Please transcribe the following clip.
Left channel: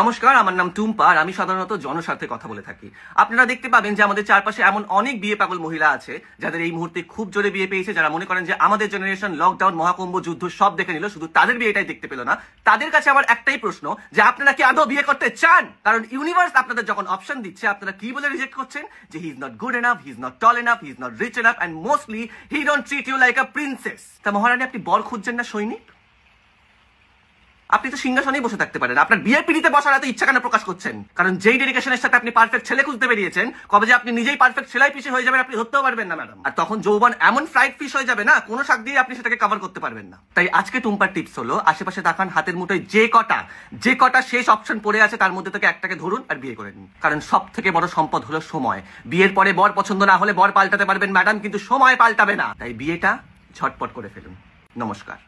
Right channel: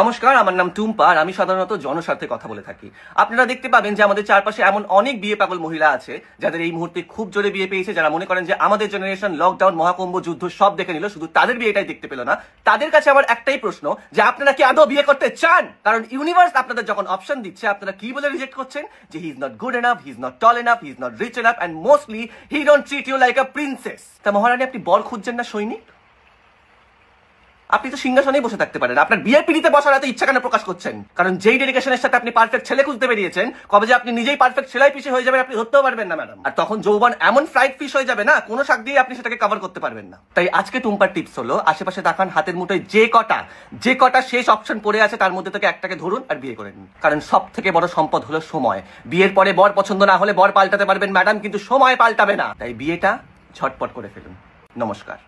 নমস্কার, আমার নাম টুম্পা আর আমি সাধারণত জনস্বার্থে কথা বলে থাকি। আপনারা দেখতে পাবেন যে আমাদের চারপাশে এমন অনেক বিয়ে পাগল মহিলা আছে যাদের এই মুহূর্তে খুব জোরে বিয়ে পেয়েছে, যারা মনে করেন যে আমাদের জেনারেশন লকডাউন, মহাকুম্ভ, যুদ্ধ সব দেখে নিল, শুধু তাদের বিয়েটাই দেখতে পেল না। তাদের কাছে আমার একটাই প্রশ্ন যে আপনারা কি আদৌ বিয়ে করতে চান? কারণ ইউনিভার্স আপনাদের যখন অপশন দিচ্ছে, আপনারা কি বলে রিজেক্ট করছেন? যে he is not good enough, he is not tall enough, he is not rich enough, and mostly he don't treat you like a princess. তা মহারানী, আপনি বর খুঁজছেন না সৈনিক? আপনি তো সিংহাসনেই বসে থাকতে পারেন, আপনার বিয়ের পিড়িতে বসার এত ইচ্ছা কেন প্রকাশ করছেন? কারণ যেই ডেডিকেশনের সাথে আপনি পারফেক্ট ছেলে খুঁজতে বেরিয়েছেন, কবে যে আপনি নিজেই পারফেক্ট ছেলাই পিছে হয়ে যাবেন আপনি ধরতেও পারবেন না ম্যাডাম। আর তখন যৌবন এমন ফ্রাইড ফিশ হয়ে যাবে না, কোনো শাক দিয়ে আপনি সেটাকে কভার করতে পারবেন না। তাই আজকে টুম্পার টিপস হলো, আশেপাশে তাকান, হাতের মুঠোয় যে কটা শেষ অপশন পড়ে আছে তার মধ্যে থেকে একটাকে ধরুন আর বিয়ে করে নিন। কারণ সব থেকে বড় সম্পদ হলো সময়। বিয়ের পরে বর পছন্দ না হলে বর পাল্টাতে পারবেন ম্যাডাম, কিন্তু সময় পাল্টাবে না। তাই বিয়েটা ঝটপট করে ফেলুন। নমস্কার।